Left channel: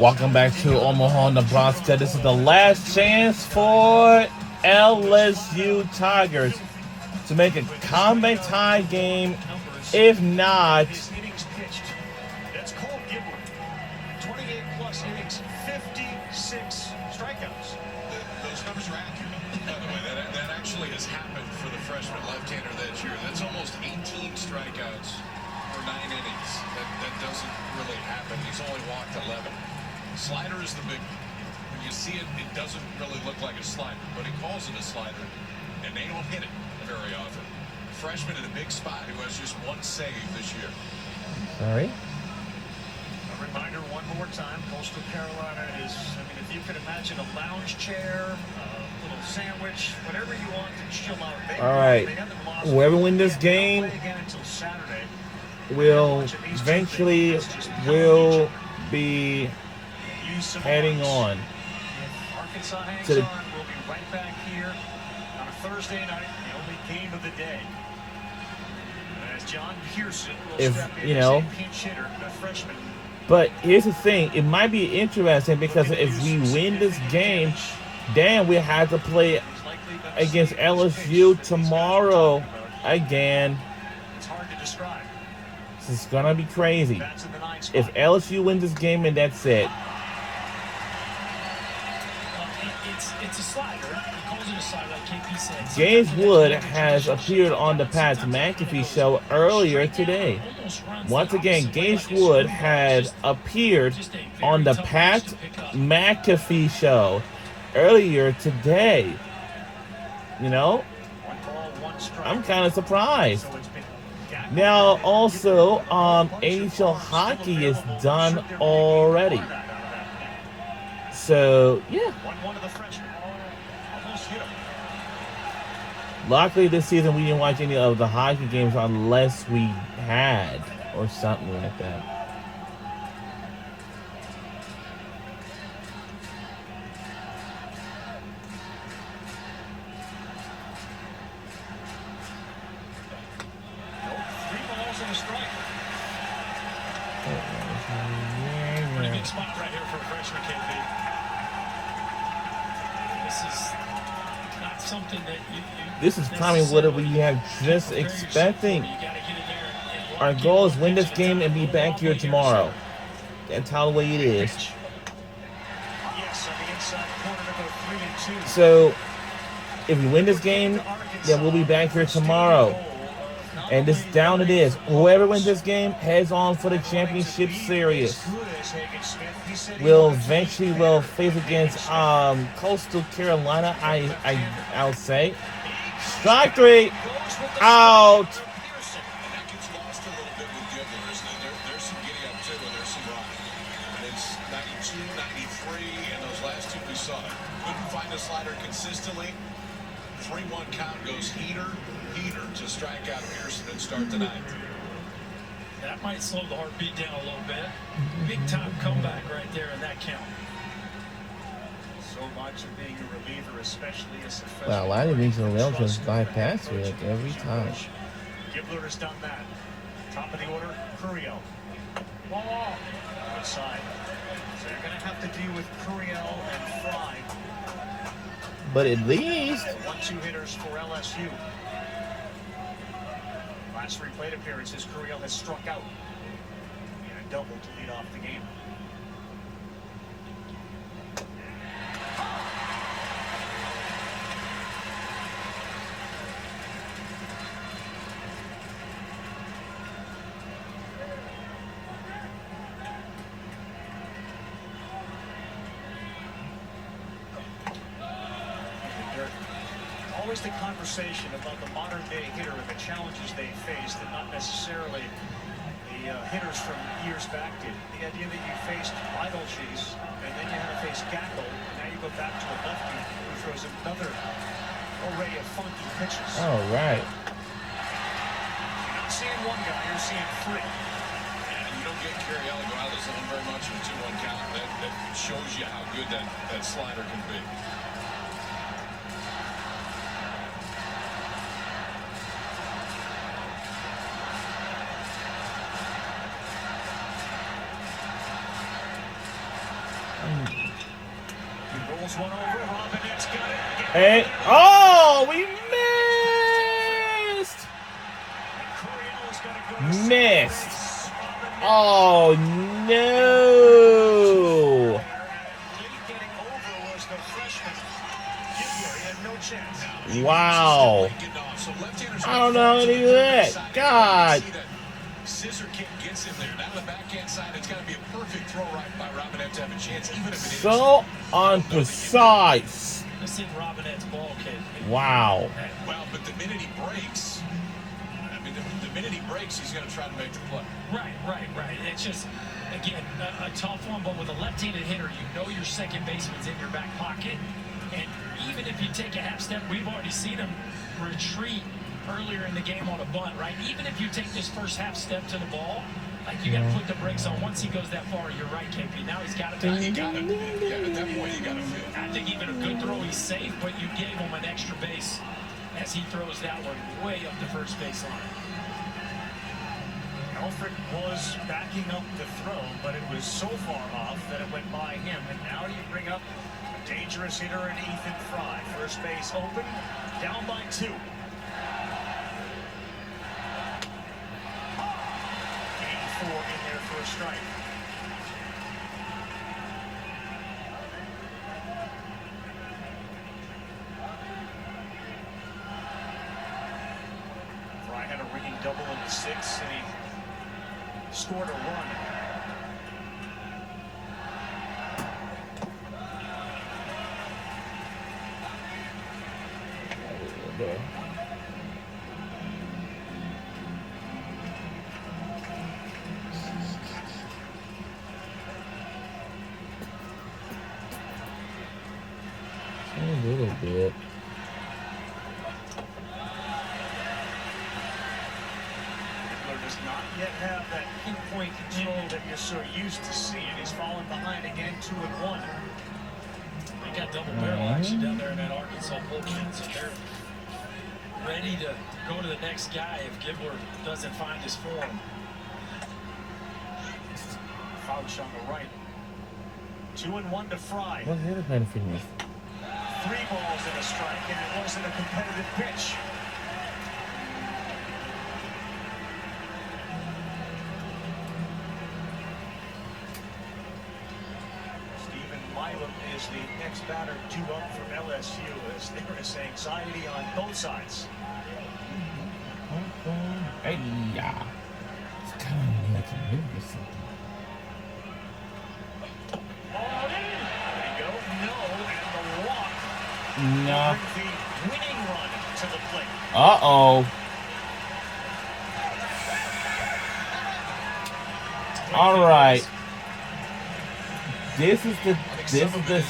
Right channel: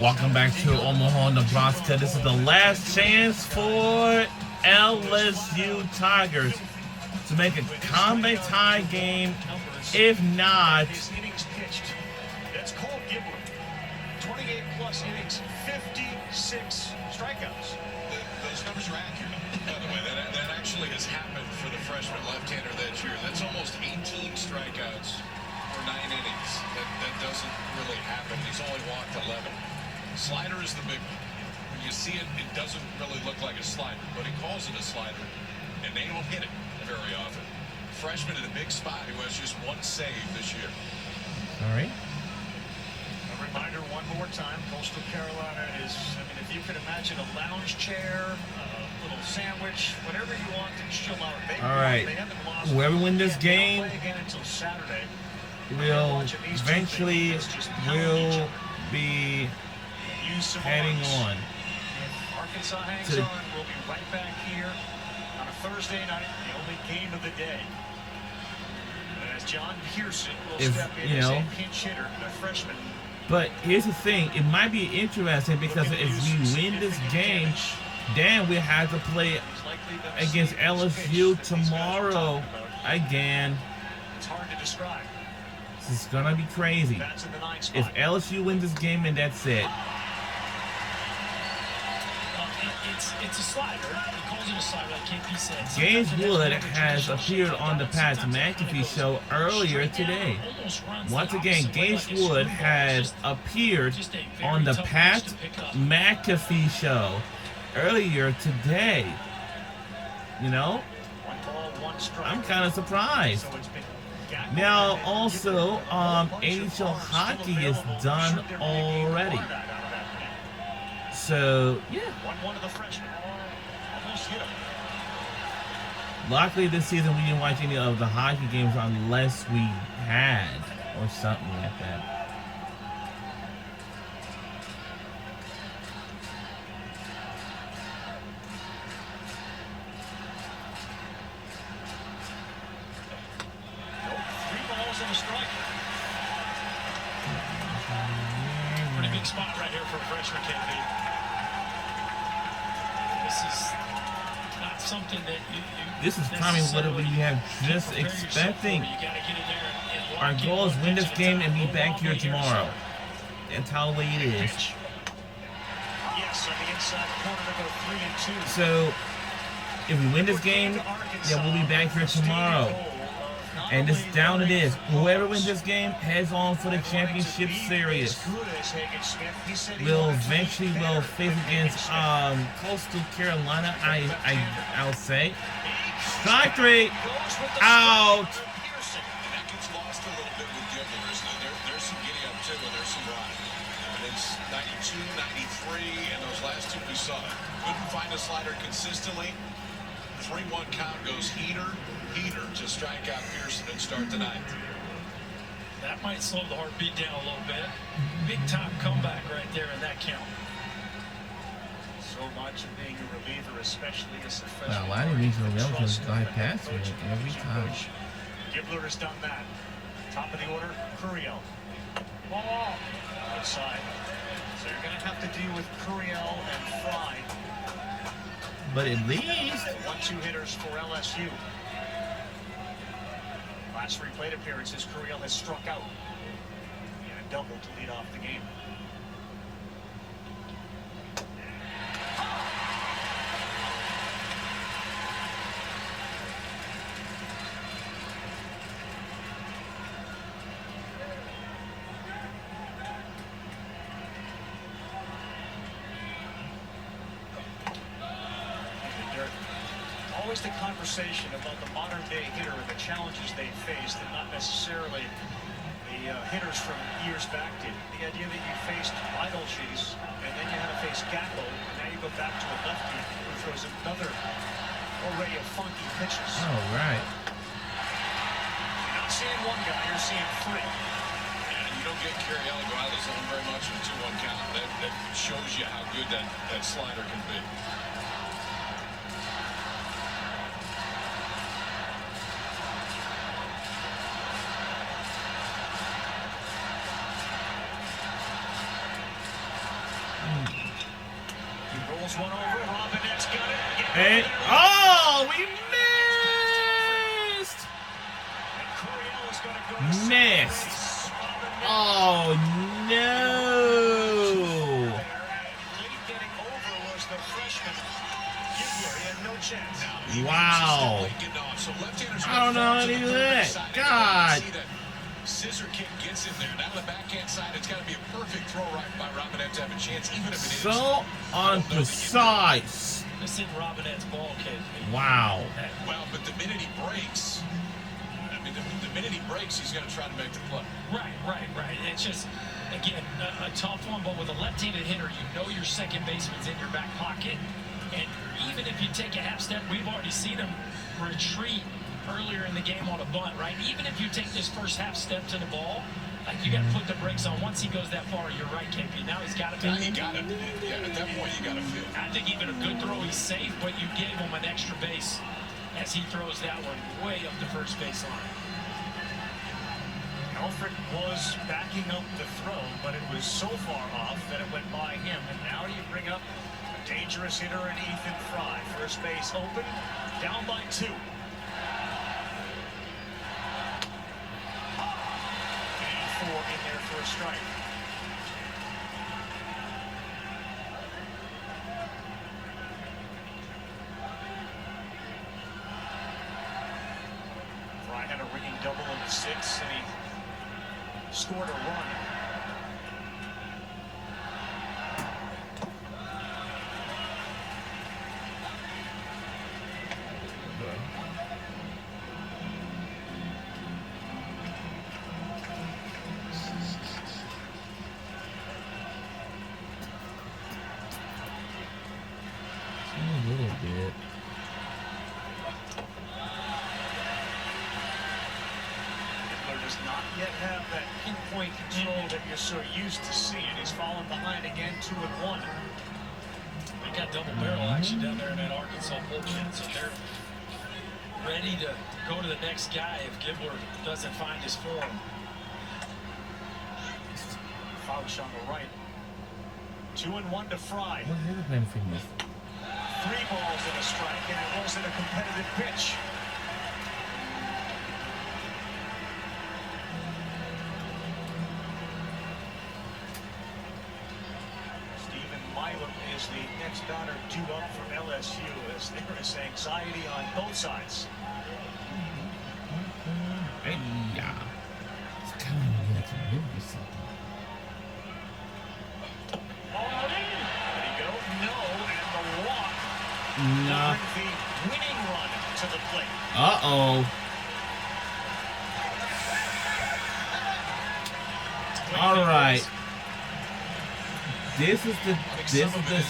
Welcome back to Omaha, Nebraska. This is the last chance for LSU Tigers to make a comeback tie game. If not, That's Cole Gibler. 28-plus innings, 56 strikeouts. Those numbers are accurate, by the way. That actually has happened for the freshman left-hander that year. That's almost 18 strikeouts for 9 innings. That doesn't really happen. He's only walked 11. Slider is the big one. When you see it, it doesn't really look like a slider, but he calls it a slider, and they don't hit it very often. Freshman in a big spot who has just one save this year. all right. A reminder one more time, Coastal Carolina is, if you could imagine a lounge chair, a little sandwich, whatever you want to chill out. All right. Whoever wins this game will eventually be heading on Arkansas hangs to the, on. We'll be right back here on a Thursday night, the only game of the day. As John Pearson will step in as a pinch hitter, the freshman. But here's the thing, it might be interesting because if we win this game, then we have to play against LSU tomorrow again. It's hard to describe. This is gonna be crazy. If LSU wins this game, and that's it. It's a slider. He calls it a slider, like KP said. James Wood has appeared on the Pat McAfee show earlier today. Once again, James Wood had appeared on the Pat McAfee show earlier today. You know, I'm kind of surprised. Now, also, NHL hockey is done already. So, yeah. Luckily, this season we didn't watch any of the hockey games unless we had or something like that. Pretty big spot right here for a freshman, KP. This is not something that This is kind of what we have just expecting. Our goal is win this game and be back here tomorrow. That's how the way it is. So, if we win this game, then we'll be back here tomorrow. And this down it is. Whoever wins this game heads on for the championship series. We'll eventually face against Coastal Carolina. I'll say. Strike three. Out. That gets lost a little bit with Gibler, isn't it? There's some giddy up too, and there's some rock. And it's 92, 93, and those last two we saw. Couldn't find a slider consistently. 3-1 count goes heater to strike out Pearson and start the ninth. That might slow the heartbeat down a little bit. Big time comeback right there in that count. So much of being a reliever, especially as a freshman. Well, a lot of these relieves just bypass me like every time. Gibler has done that. Top of the order, Curiel. Ball outside. So you're going to have to deal with Curiel and Fry. But at least 1-2 hitters for LSU. Last 3 plate appearances, Curiel has struck out. And a double to lead off the game. Always the conversation about the modern day hitter and the challenges they faced, and not necessarily the hitters from years back did. The idea that you faced Idle Cheese, and then you had to face Gacko, and now you go back to a lefty who throws another array of funky pitches. all right. You're not seeing one guy, you're seeing 3. And you don't get Curiel to go out of the zone very much in a 2-1 count. That shows you how good that slider can be. Turns one over. Robinette's got it. And oh, we missed. And Coriello's gonna go to second Missed. base. Robinette Oh no. late getting over was the freshman. Gibler, he had no chance. Wow. I don't know any of that. God. Scissor kick gets in there. Now the backhand side, it's got to be a perfect throw right by Robinette to have a chance, even if it is. So unprecise. This is Robinette's ball, kid. Wow. Well, but the minute he breaks, I mean, the minute he breaks, he's going to try to make the play. Right. It's just, again, a tough one, but with a left-handed hitter, you know your second baseman's in your back pocket. And even if you take a half step, we've already seen him retreat earlier in the game on a bunt, right? Even if you take this first half step to the ball, like you got to put the brakes on. Once he goes that far, you're right, KP. Now he's got to Now you got it. Yeah, at that point, you got to feel it. I think even a good throw, he's safe, but you gave him an extra base as he throws that one way up the first base line. Alfred was backing up the throw, but it was so far off that it went by him. And now you bring up a dangerous hitter in Ethan Fry. First base open, down by 2. 84 in there for a strike. Fry had a ringing double in the 6th, and he scored a run. A little bit. Hitler does not yet have that pinpoint control that you're so used to seeing. He's fallen behind again, 2-1. They got double barrel action down there in that Arkansas bullpen, so they're ready to go to the next guy if Gibler doesn't find his form. Fouch on the right. 2-1 to Fry. What the other pen finished? 3 balls and a strike, and it wasn't a competitive pitch. Stephen Milam is the next batter due up from LSU as there is anxiety on both sides. Hey, yeah. It's coming here to move something. There you go. No, and the walk. Nah. Bring the winning run to the plate. Uh-oh. All right. This is the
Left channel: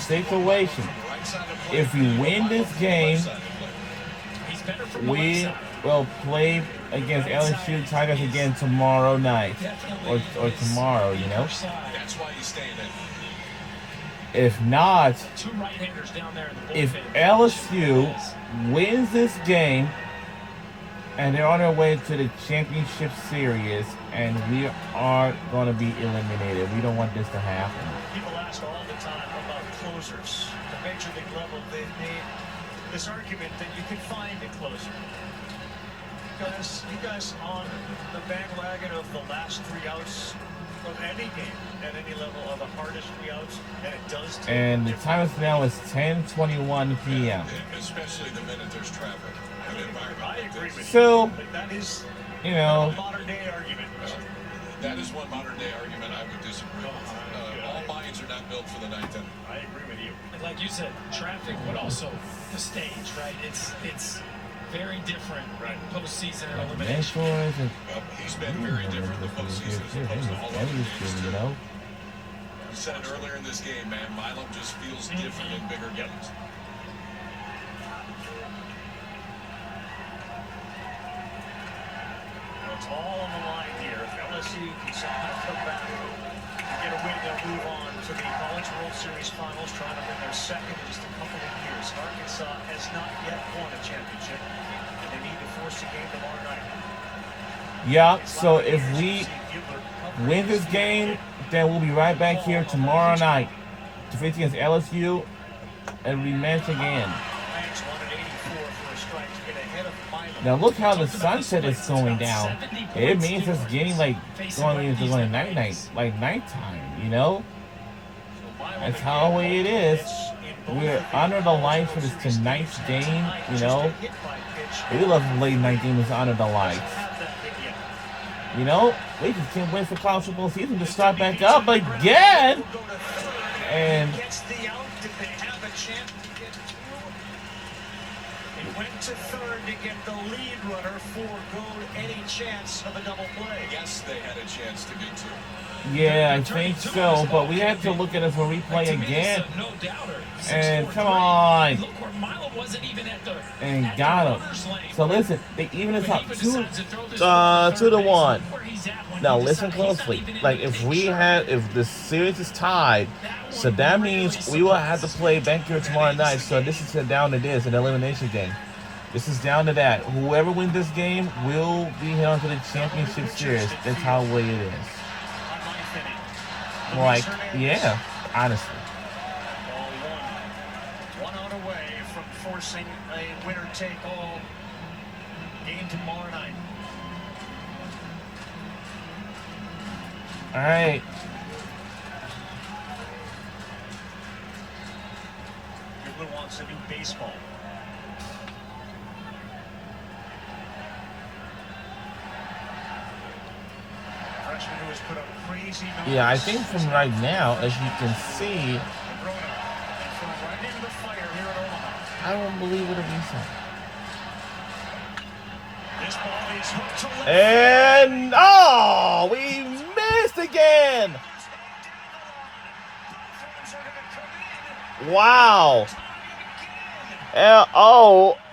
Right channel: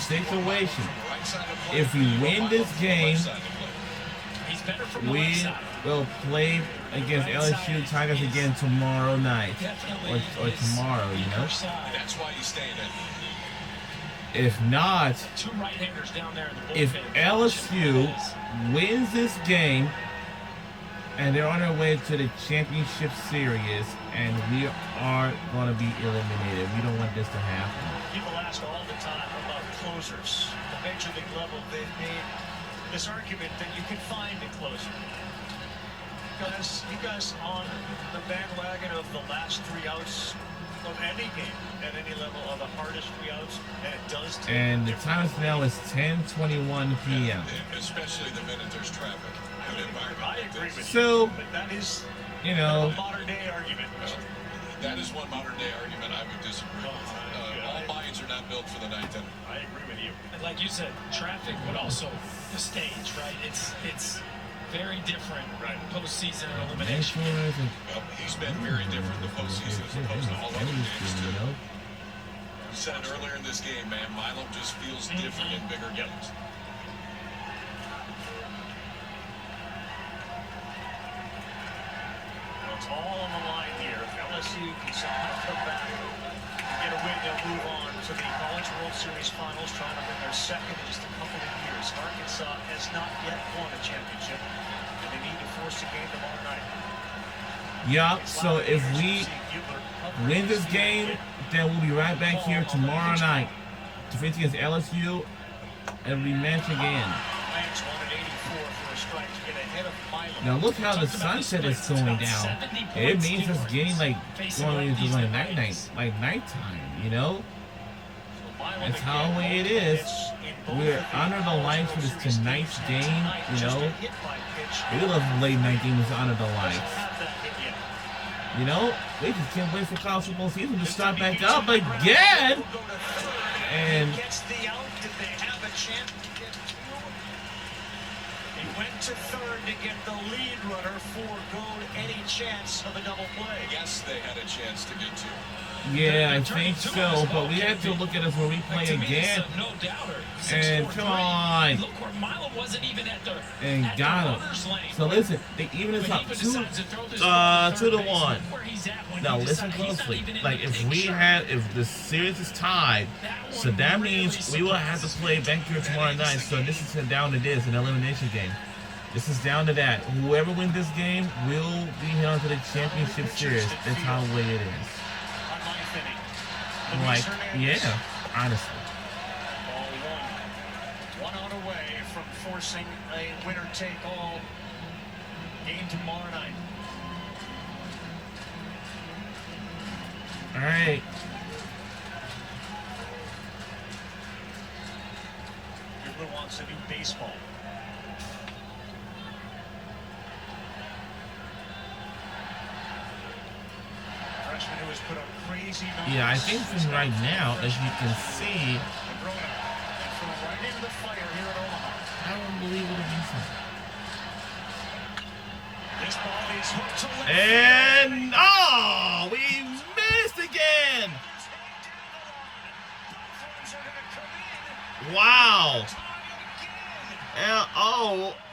situation. If you win this game, He's better from the left we side. will play against LSU Tigers again tomorrow night. Definitely Or is tomorrow, you know? weaker side. That's why you stay in. If not, 2 right-handers down there in the bullpen. if LSU wins this game and they're on their way to the championship series and we are going to be eliminated, we don't want this to happen. People ask all the time about closers. At the Major League level, they've made this argument that you can find a closer. You guys on the bandwagon of the last 3 outs of any game at any level are the hardest 3 outs, and it does take And the different- time is now is 10:21 p.m. Especially the minute there's traffic. An environment I like agree this. with So, you, but that is you kind of know, a modern day argument. That is one modern day argument I would disagree with. All minds are not built for the ninth inning. I agree with you. And like you said, traffic, but also the stage, right? It's very different postseason and elimination. mentors and Well, he's been very different in the postseason as opposed to all other games, you too. know. You said it earlier in this game, man. Milam just feels different in bigger games. It's all on the line here. If LSU can somehow come back and get a win, they'll move on to the College World Series Finals, trying to win their second in just a couple of years. Arkansas has not yet won a championship, and they need to force a game tomorrow night. Yeah, so if we win this game, then we'll be right back here tomorrow night to face against LSU and rematch again. Banks wanted 84 for a strike to get ahead of Milo. Now look how the sunset is going down. It means it's getting like going into like nighttime, you know? That's how the way it is. We are under the lights for this tonight's game, you know? We love late night games under the lights. You know, we just can't wait for college football season to start back up again. And Gets the out. Did they have a chance to get through? He went to third to get the lead runner, foregoed any chance of a double play. Yes, they had a chance to get to. yeah, I think so. But we have to look at it for replay again. No doubter. And come on. Look where Milo wasn't even at the And got him. So listen, they even is up 2-1. Now listen closely. Like if the series is tied, so that means we will have to play back here tomorrow night. So this is down to this, an elimination game. This is down to that. Whoever wins this game will be held to the championship series. That's how the way it is. Like, yeah, honestly. Ball one out away from forcing a winner-take-all game tomorrow night. All right. Everyone wants a new baseball. Freshman who has put up crazy numbers. Yeah, I think from right now, as you can see, Right into the fire here at Omaha. I won't believe it'll be so. This ball is hooked to left. And oh, we missed again. Wow.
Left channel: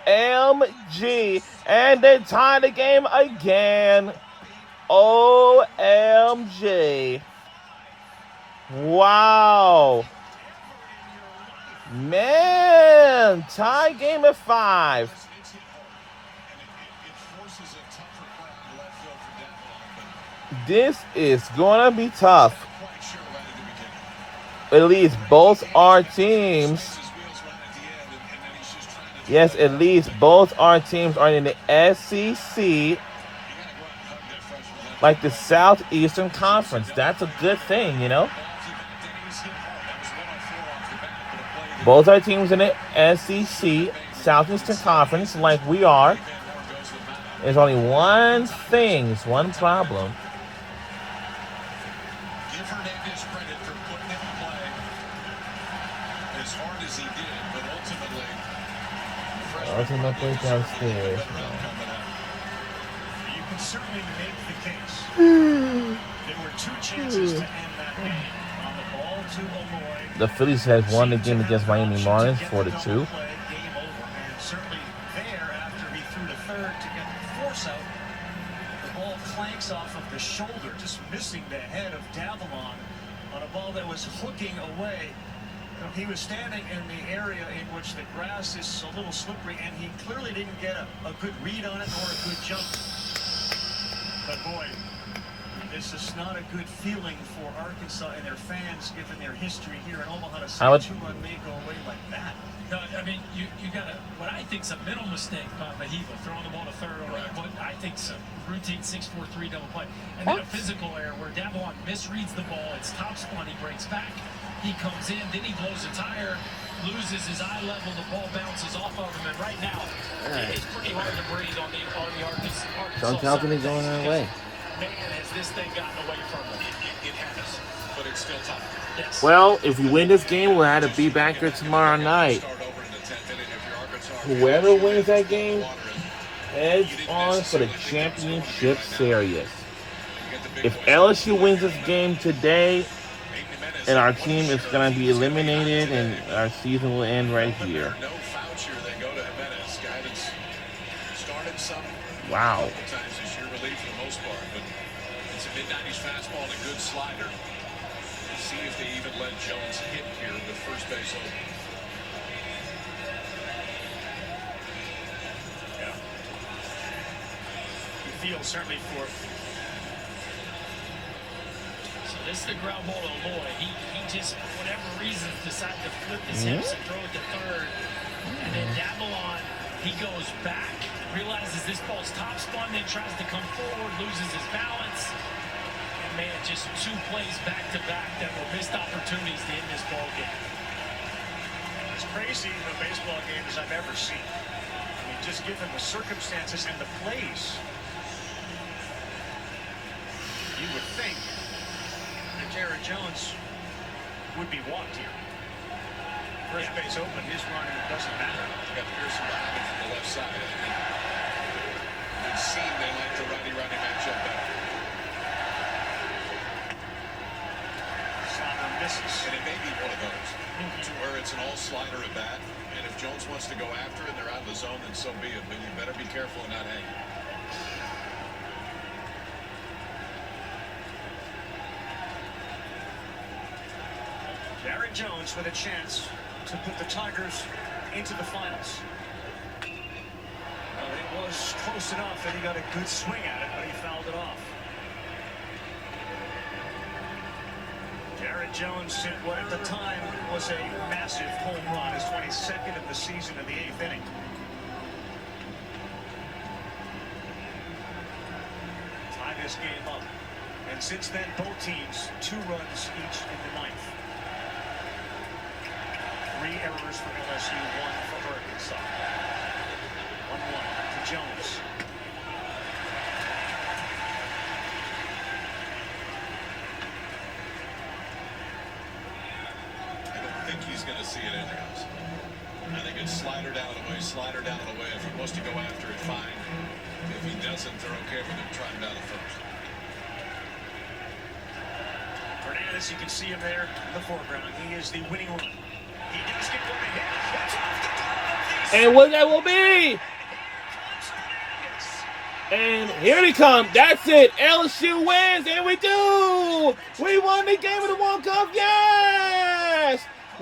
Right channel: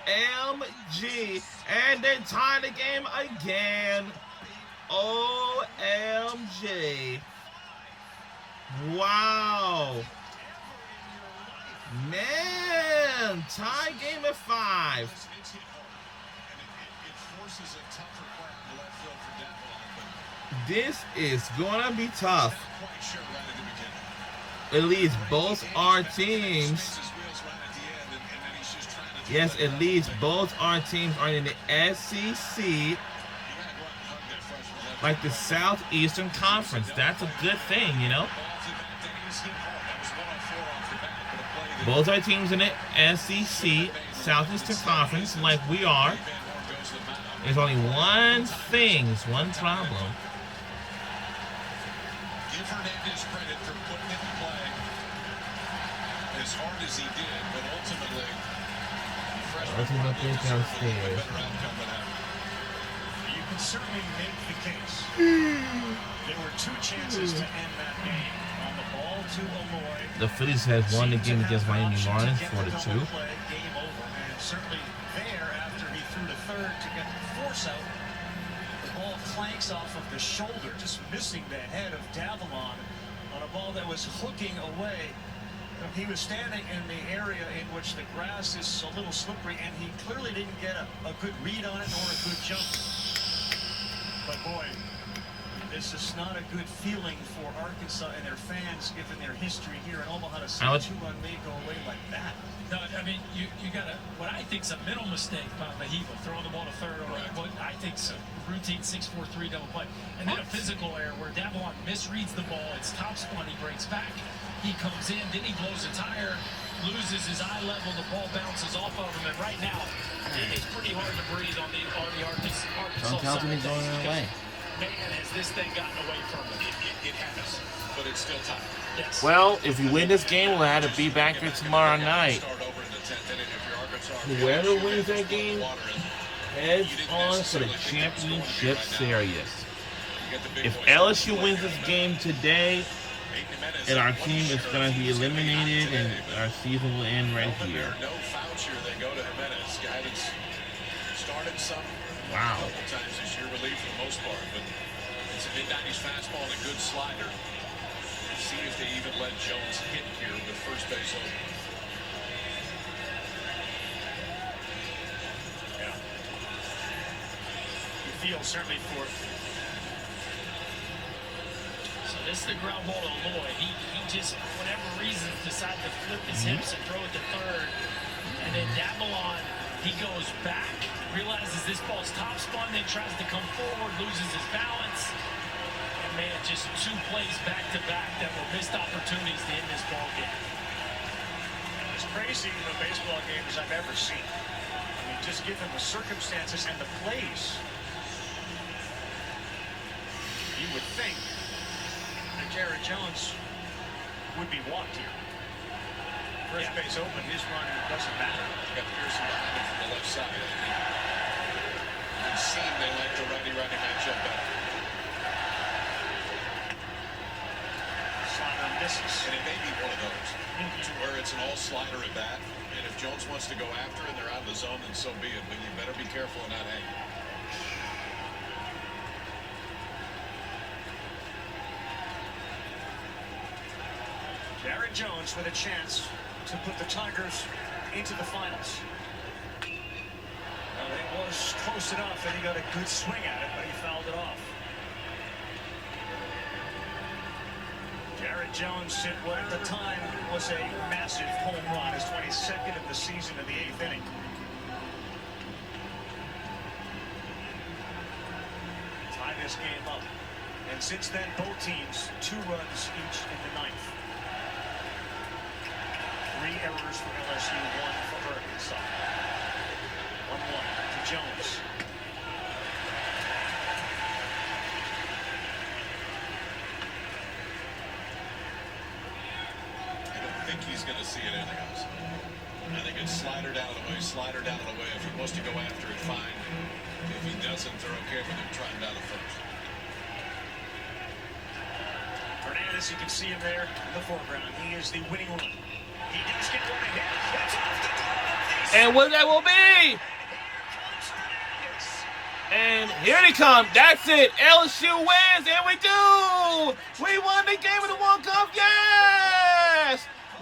OMG. And they tied the game again. OMG. Wow. Man, tie game at 5. This is gonna be tough. At least both our teams. Yes, at least both our teams are in the SEC, like the Southeastern Conference. That's a good thing, you know. Both our teams in the SEC, Southeastern Conference, like we are. There's only one thing, it's one problem. Give Hernandez credit for putting him in play as hard as he did, but Ultimately downstairs. You can certainly make the case. There were 2 chances to end that game. On the ball to Malloy. The Phillies has won the game against Miami Marlins 4-2. Game over. And certainly there, after he threw to third to get the force out, the ball clanks off of the shoulder, just missing the head of Davalon on a ball that was hooking away. He was standing in the area in which the grass is a little slippery, and he clearly didn't get a good read on it or a good jump. But boy, this is not a good feeling for Arkansas and their fans, given their history here in Omaha, to see a 2-run lead go away like that. No, I mean, you got what I think is a mental mistake by Mahiva, throwing the ball to third, or what I think is a routine 6-4-3 double play. And then a physical error where Davalon misreads the ball, it's top spun, he breaks back, he comes in, then he blows a tire, loses his eye level, the ball bounces off of him, and right now, it's pretty hard to breathe on the Arkansas side. He's going that way. Man, has this thing gotten away from him? It has, but it's still tough. Yes. Well, if we win this game, we'll have to be back here tomorrow night. Whoever wins that game heads on for the championship series. If LSU wins this game today, and our team is going to be eliminated, and our season will end right here. Wow. Mid-90s fastball and a good slider. See if they even let Jones hit here with first base open. Yeah. You feel certainly for. So this is the ground ball to Lloyd. He just, for whatever reason, decided to flip his hips and throw it to third. And then Davalon, he goes back, realizes this ball's top spun, then tries to come forward, loses his balance. And man, just 2 plays back-to-back that were missed opportunities to end this ball game. As crazy a baseball game as I've ever seen. I mean, just given the circumstances and the plays, you would think that Jared Jones would be walked here. First base open, his run doesn't matter. You got Pearson behind him from the left side. It seemed they liked the righty-righty matchup better. Slider misses. And it may be one of those to where it's an all-slider at bat. And if Jones wants to go after it and they're out of the zone, then so be it. But you better be careful and not hang. Jared Jones with a chance to put the Tigers into the finals. It was close enough that he got a good swing at it, but he fouled it off. Jared Jones hit what at the time was a massive home run, his 22nd of the season in the 8th inning. Tie this game up. And since then, both teams 2 runs each in the 9th. 3 errors for LSU, 1 for Arkansas. 1-1 to Jones. I don't think he's going to see it anyways. I think it's slider down and away, slider down and away. If he wants to go after it, fine. If he doesn't, they're okay with him trying down the first. Hernandez, you can see him there in the foreground. He is the winning run. He does get one ahead. That's off the glove. And what that will be. And here they come. That's it. LSU wins, and we do. We won the game of the World Cup. Yes.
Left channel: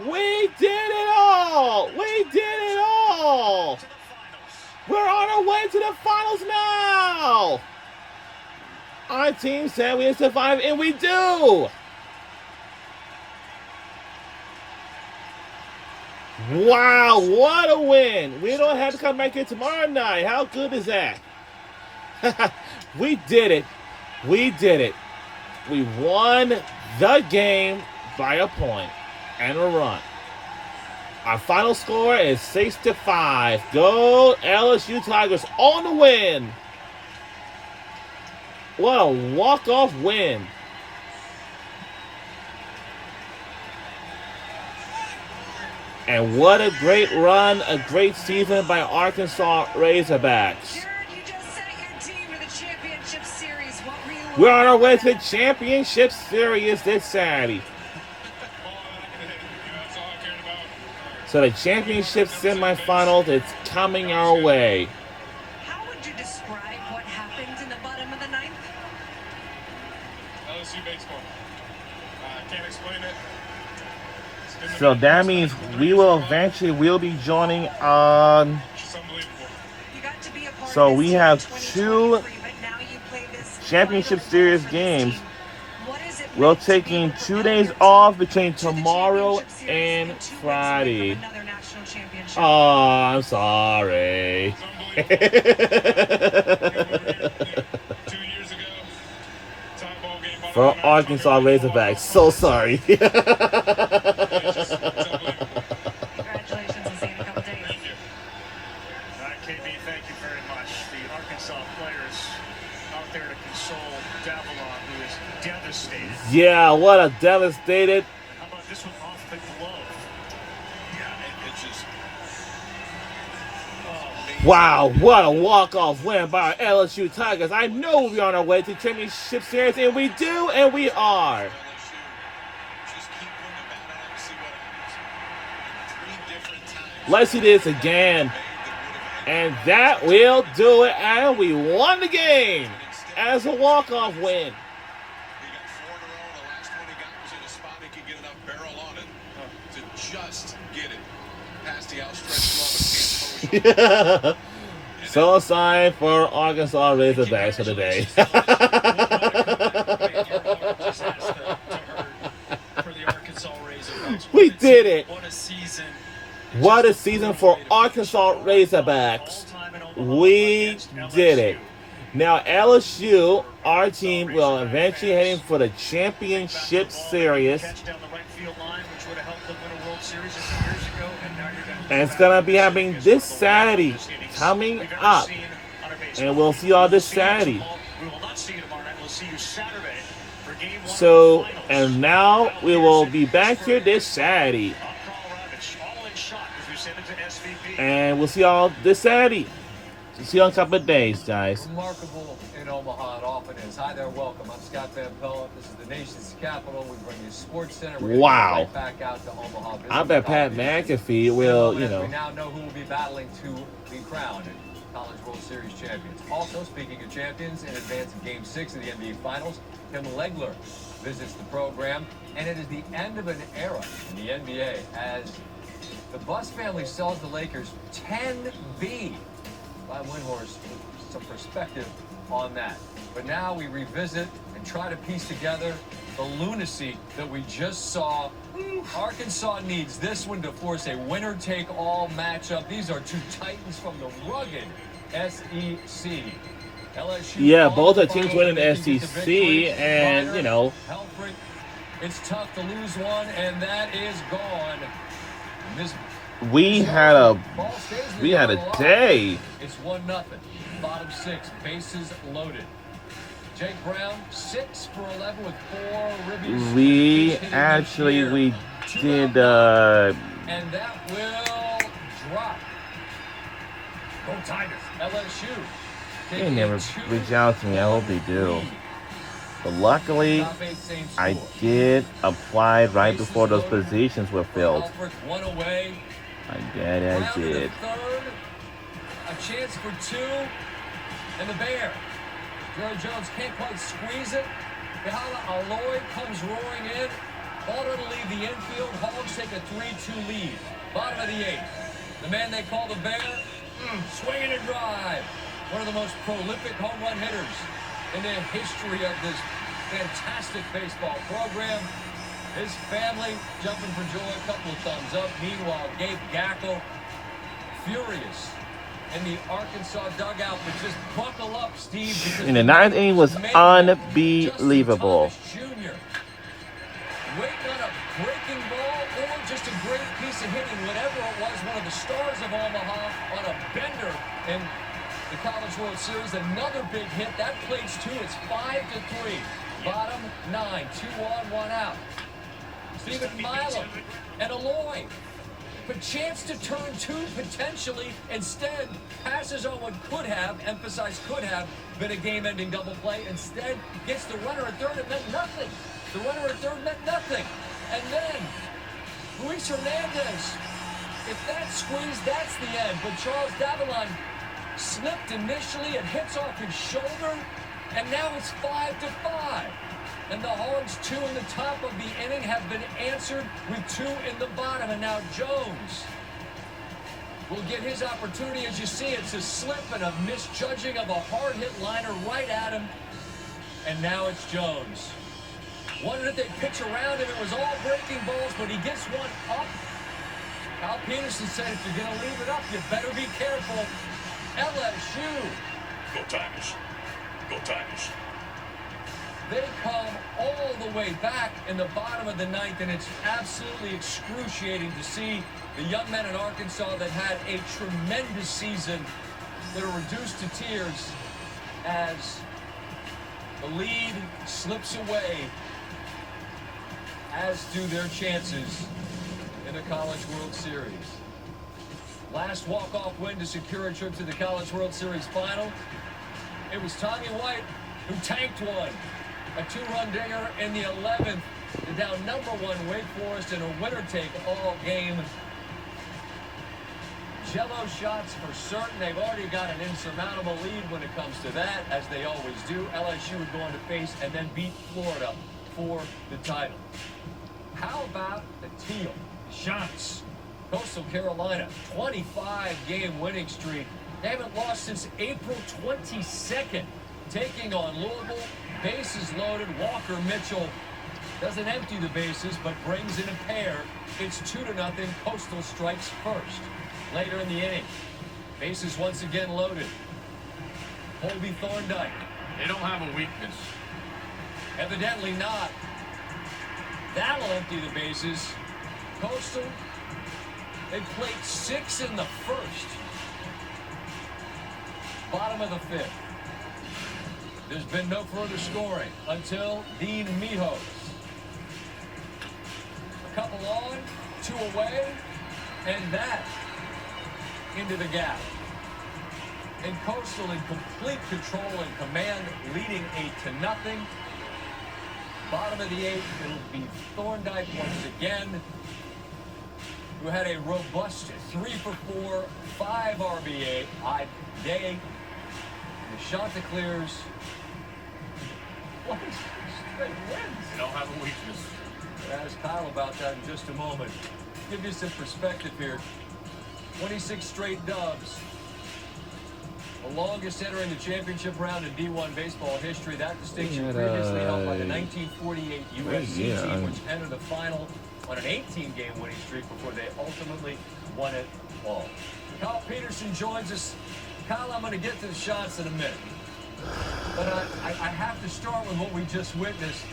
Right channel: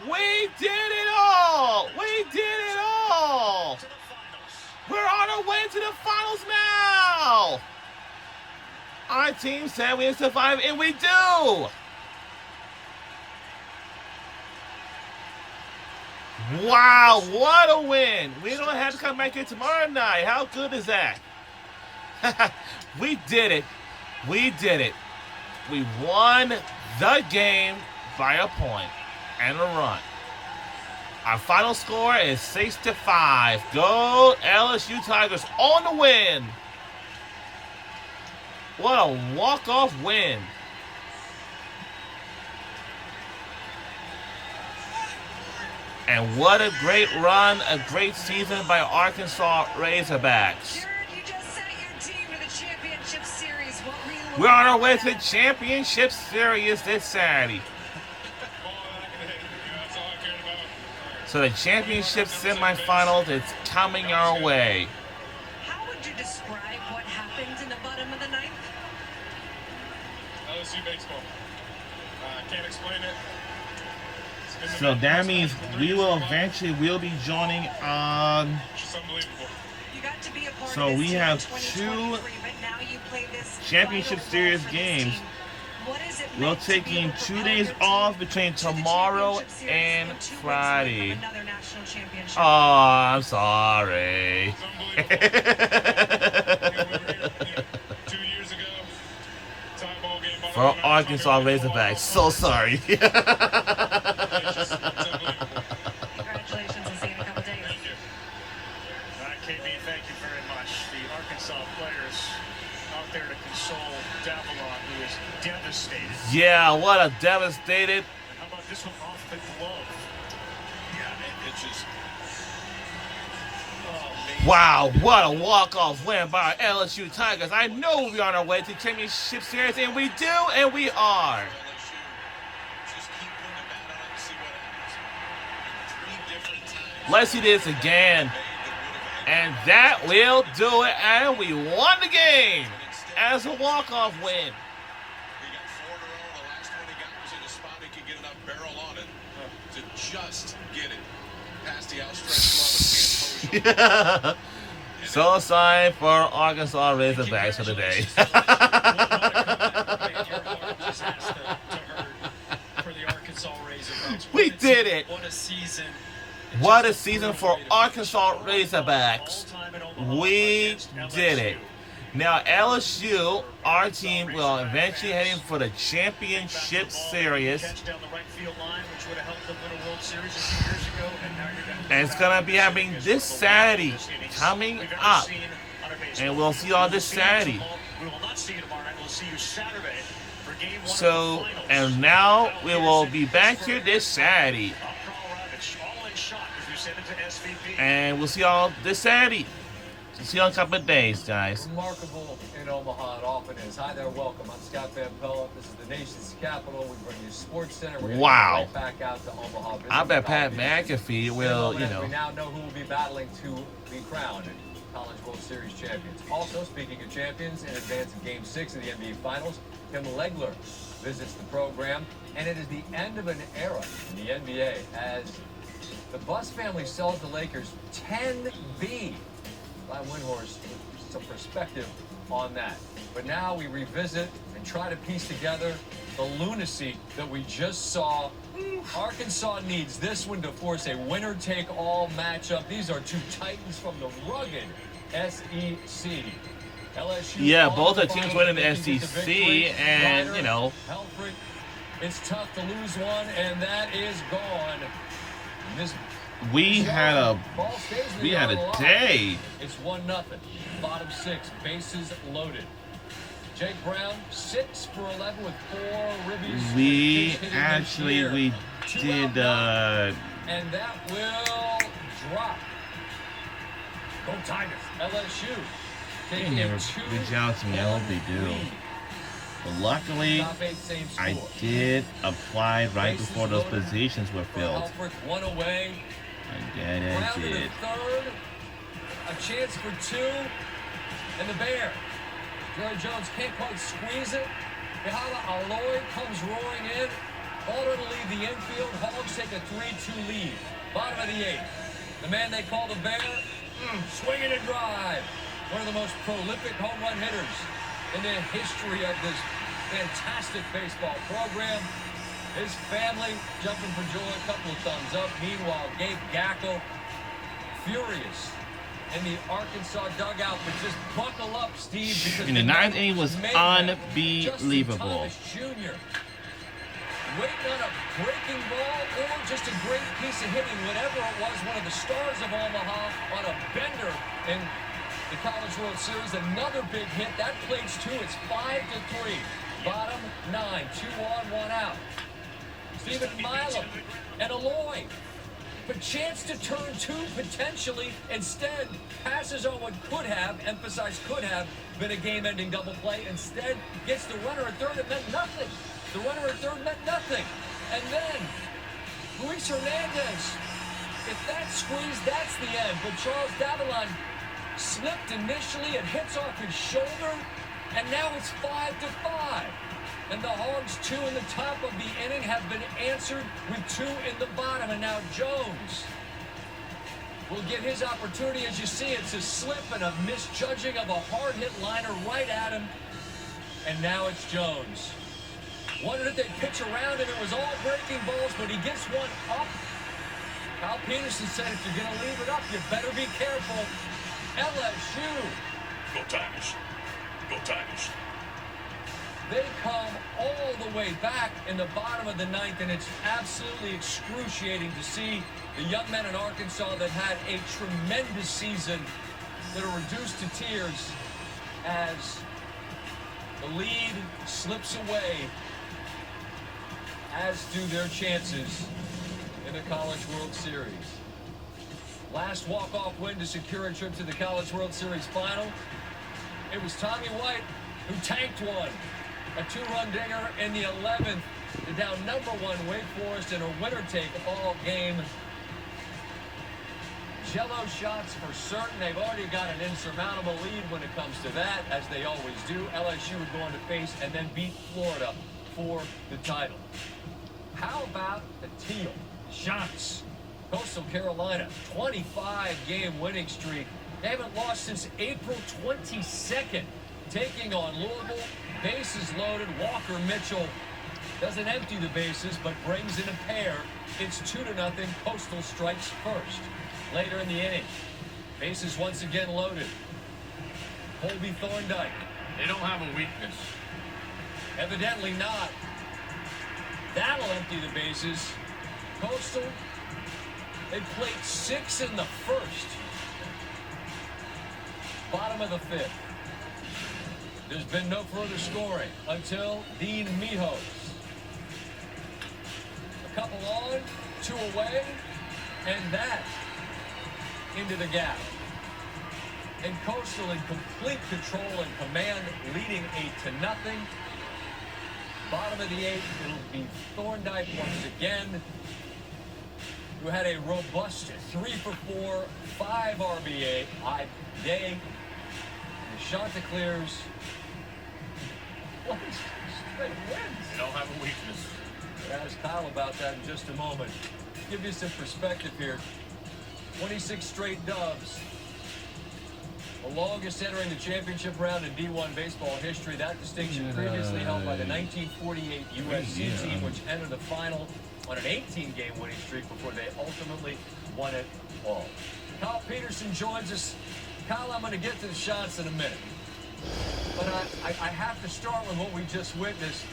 We did it all. We did it all. We're on our way to the finals now. Our team said we would survive, and we do. Wow, what a win. We don't have to come back here tomorrow night. How good is that? We did it. We did it. We won the game by a point and a run. Our final score is 6-5. Go LSU Tigers on the win. What a walk-off win. And what a great run, a great season by Arkansas Razorbacks. We're on our way to the championship series this Saturday. So the championship semifinals is coming our way. How would you describe what happened in the bottom of the 9th? LSU baseball. Can't explain it. So that means we will eventually be joining on. It's unbelievable. You got to be a part So of we this have team in 2 2023, but now you play this championship final series for this games. team. What is it We're meant to be taking able to 2 propel days your off team between to the tomorrow championship series and 2 weeks away Friday. from another national championship? Oh, I'm sorry. It's unbelievable. 2 years ago, tie ball game. bottom For of the ninth, Arkansas Tigers won Razorbacks, walk-off. so sorry. It's unbelievable. Congratulations, and see you in a couple days. Thank you. All right, KB, thank you very much. The Arkansas players out there to console Davalon, who is devastated. Yeah, what a devastated. How about this one off the glove? Yeah, it just. Wow, what a walk-off win by our LSU Tigers. I know we're on our way to championship series, and we do, and we are. LSU, just keep putting the bat on and see what happens. 3 different times. Let's see this again. And that will do it, and we won the game as a walk-off win. He got 4 in a row. The last one he got was in a spot he could get enough barrel on it to just get it past the outstretched glove and can't pose. So sign for Arkansas Razorbacks for the day. Your heart just has to We did it. What a season. What a season for Arkansas Razorbacks. We did it. Now LSU, our team, will eventually heading for the championship series. And it's going to be happening this Saturday, coming up. And we'll see y'all this Saturday. So, and now we will be back here this Saturday. And we'll see y'all this Saturday. See you in a couple of days, guys. Remarkable in Omaha, it often is. Hi there, welcome. I'm Scott Van Pelt. This is the nation's capital. We bring you Sports Center. We're going to go right back out to Omaha. I bet Pat McAfee will, We now know who will be battling to be crowned College World Series champions. Also, speaking of champions, in advance of Game 6 of the NBA Finals, Tim Legler visits the program. And it is the end of an era in the NBA as the Buss family sells the Lakers 10B. By Windhorst, some perspective on that. But now we revisit and try to piece together the lunacy that we just saw. Arkansas needs this one to force a winner-take-all matchup. These are two titans from the rugged SEC. LSU. Yeah, both the teams winning the SEC, and Helfrich, it's tough to lose one, and that is gone. This we had a day. It's 1-0. Bottom 6, bases loaded. Jake Brown 6 for 11 with 4 ribbies. We did. And that will drop. Go Tigers. LSU. They never reach out to me. I hope they do. But luckily, I did apply right before those positions were filled. One away. I did. Third, a chance for 2, and the Bear. Jerry Jones can't quite squeeze it. Behala Aloy comes roaring in. Balder to lead the infield. Hogs take a 3-2 lead. Bottom of the 8th. The man they call the Bear, swinging a drive. One of the most prolific home run hitters in the history of this fantastic baseball program. His family jumping for joy, a couple of thumbs up. Meanwhile, Gabe Gackle, furious in the Arkansas dugout, but just buckle up, Steve. In the 9th inning was unbelievable. Jr. Waiting on a breaking ball or just a great piece of hitting, whatever it was, one of the stars of Omaha on a bender in the College World Series. Another big hit. That plays 2. It's 5-3. Bottom 9. 2 on, 1 out. Stephen Milam and Aloy. But chance to turn 2 potentially. Instead, passes on what could have, emphasize could have, been a game-ending double play. Instead, gets the runner at third. It meant nothing. The runner at third meant nothing. And then, Luis Hernandez. If that squeeze, that's the end. But Charles Davalon slipped initially. It hits off his shoulder. And now it's 5-5. And the Hogs, 2 in the top of the inning, have been answered with 2 in the bottom. And now Jones will get his opportunity. As you see, it's a slip and a misjudging of a hard-hit liner right at him. And now it's Jones. Wondered if they'd pitch around him. It was all breaking balls, but he gets one up. Kyle Peterson said, if you're going to leave it up, you better be careful. LSU. Go Tigers. Go Tigers. They come all the way back in the bottom of the 9th, and it's absolutely excruciating to see the young men in Arkansas that had a tremendous season that are reduced to tears as the lead slips away, as do their chances in the College World Series. Last walk-off win to secure a trip to the College World Series final. It was Tommy White who tanked one. A 2-run dinger in the 11th to down number 1 Wake Forest in a winner-take-all game. Jello shots for certain. They've already got an insurmountable lead when it comes to that, as they always do. LSU would go on to face and then beat Florida for the title. How about the Teal? Shots. Coastal Carolina, 25-game winning streak. They haven't lost since April 22nd. Taking on Louisville, bases loaded. Walker Mitchell Doesn't empty the bases, but brings in a pair. It's 2-0. Coastal strikes first. Later in the inning, bases once again loaded. Colby Thorndike. They don't have a weakness. Evidently not. That'll empty the bases. Coastal, they played 6 in the first. Bottom of the 5th. There's been no further scoring until Dean Mijos. A couple on, 2 away, and that into the gap. And Coastal in complete control and command, leading 8-0. Bottom of the 8th, it'll be Thorndike once again, who had a robust 3 for 4, 5 RBI day. And the Chanticleers, straight wins. They don't have a weakness. We'll ask Kyle about that in just a moment. Give you some perspective here. 26 straight dubs. The longest entering the championship round in D1 baseball history. That distinction previously held by the 1948 UFC team, which entered the final on an 18-game winning streak before they ultimately won it all. Kyle Peterson joins us. Kyle, I'm going to get to the shots in a minute. But I have to start with what we just witnessed.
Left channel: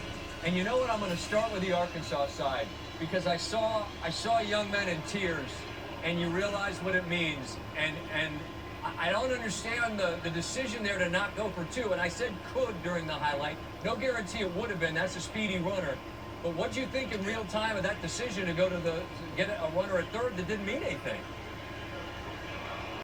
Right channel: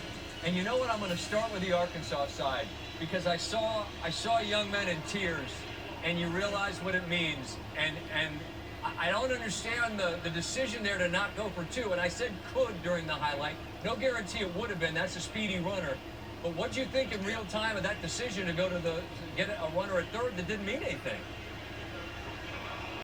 And you know what? I'm going to start with the Arkansas side, because I saw young men in tears, and you realize what it means. And I don't understand the decision there to not go for 2. And I said could during the highlight. No guarantee it would have been. That's a speedy runner. But what do you think in real time of that decision to go to get a runner at third that didn't mean anything?